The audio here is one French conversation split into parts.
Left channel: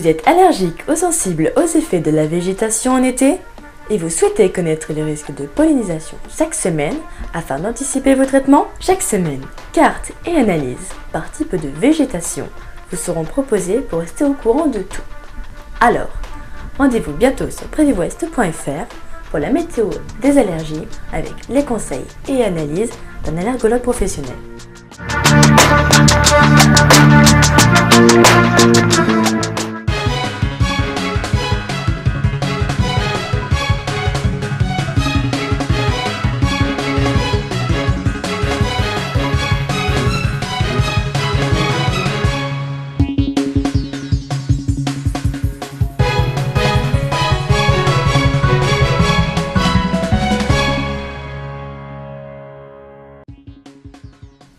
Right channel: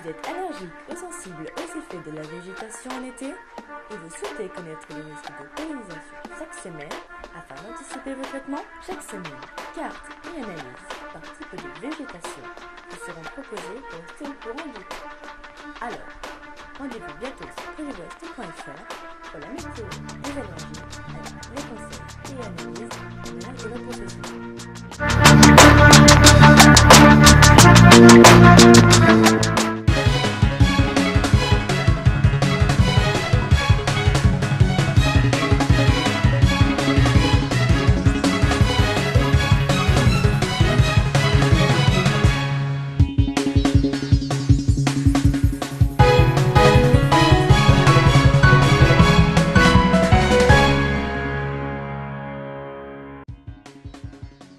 Vous êtes allergique ou sensible aux effets de la végétation en été et vous souhaitez connaître les risques de pollinisation chaque semaine afin d'anticiper vos traitements? Chaque semaine, cartes et analyses par type de végétation vous seront proposées pour rester au courant de tout. Alors, rendez-vous bientôt sur prévivouest.fr pour la météo des allergies avec les conseils et analyses d'un allergologue professionnel.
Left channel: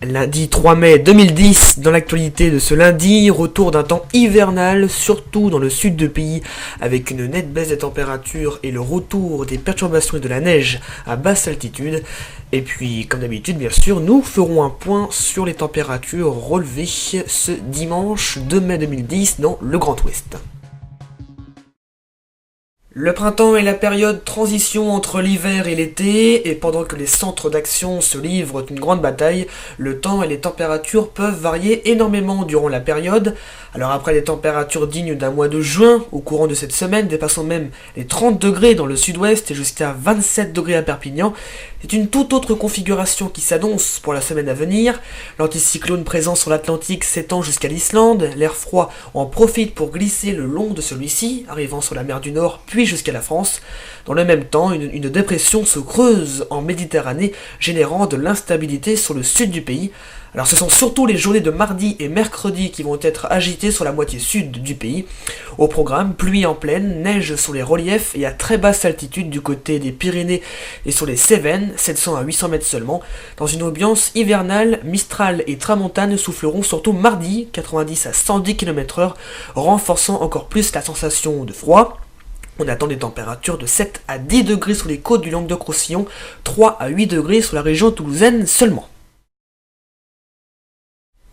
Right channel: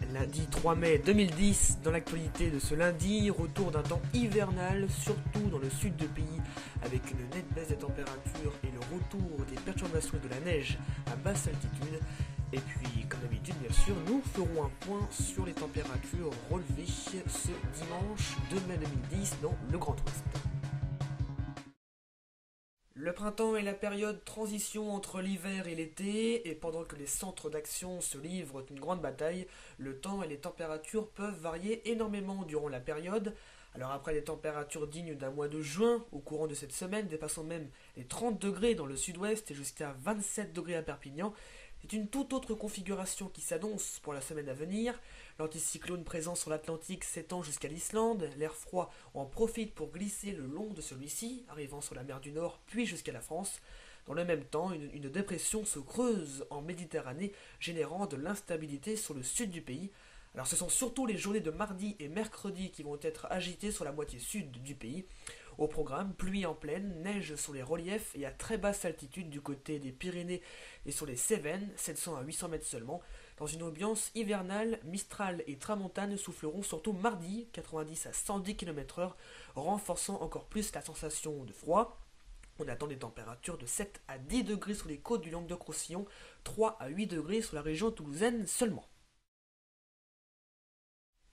Lundi 3 mai 2010, dans l'actualité de ce lundi, retour d'un temps hivernal, surtout dans le sud du pays, avec une nette baisse des températures et le retour des perturbations et de la neige à basse altitude. Et puis, comme d'habitude, bien sûr, nous ferons un point sur les températures relevées ce dimanche 2 mai 2010 dans le Grand Ouest. Le printemps est la période transition entre l'hiver et l'été, et pendant que les centres d'action se livrent une grande bataille, le temps et les températures peuvent varier énormément durant la période. Alors après les températures dignes d'un mois de juin, au courant de cette semaine, dépassant même les 30 degrés dans le sud-ouest et jusqu'à 27 degrés à Perpignan, c'est une toute autre configuration qui s'annonce pour la semaine à venir. L'anticyclone présent sur l'Atlantique s'étend jusqu'à l'Islande, l'air froid en profite pour glisser le long de celui-ci, arrivant sur la mer du Nord puis jusqu'à la France. Dans le même temps, une dépression se creuse en Méditerranée, générant de l'instabilité sur le sud du pays. Alors ce sont surtout les journées de mardi et mercredi qui vont être agitées sur la moitié sud du pays. Au programme, pluie en plaine, neige sur les reliefs et à très basse altitude du côté des Pyrénées et sur les Cévennes, 700 à 800 mètres seulement. Dans une ambiance hivernale, Mistral et Tramontane souffleront surtout mardi, 90 à 110 km/h, renforçant encore plus la sensation de froid. On attend des températures de 7 à 10 degrés sur les côtes du Languedoc-Roussillon, 3 à 8 degrés sur la région toulousaine seulement.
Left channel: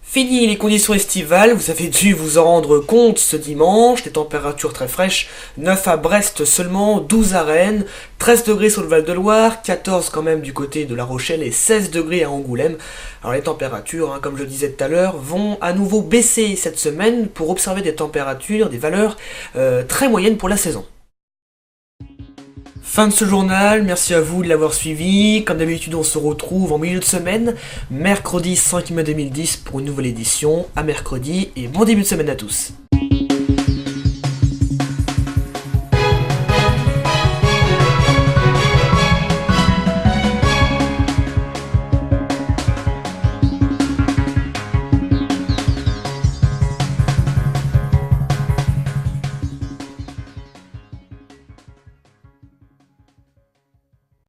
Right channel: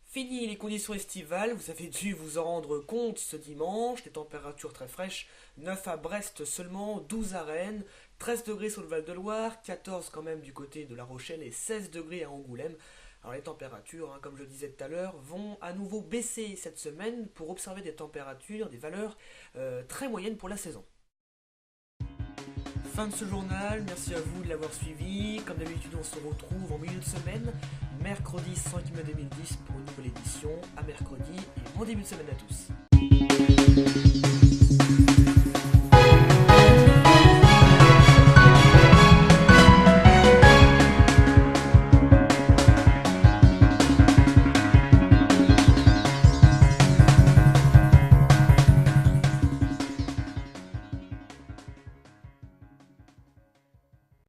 Fini les conditions estivales, vous avez dû vous en rendre compte ce dimanche, des températures très fraîches, 9 à Brest seulement, 12 à Rennes, 13 degrés sur le Val-de-Loire, 14 quand même du côté de La Rochelle et 16 degrés à Angoulême. Alors les températures, comme je le disais tout à l'heure, vont à nouveau baisser cette semaine pour observer des températures, des valeurs très moyennes pour la saison. Fin de ce journal, merci à vous de l'avoir suivi. Comme d'habitude, on se retrouve en milieu de semaine, mercredi 5 mai 2010 pour une nouvelle édition. À mercredi et bon début de semaine à tous.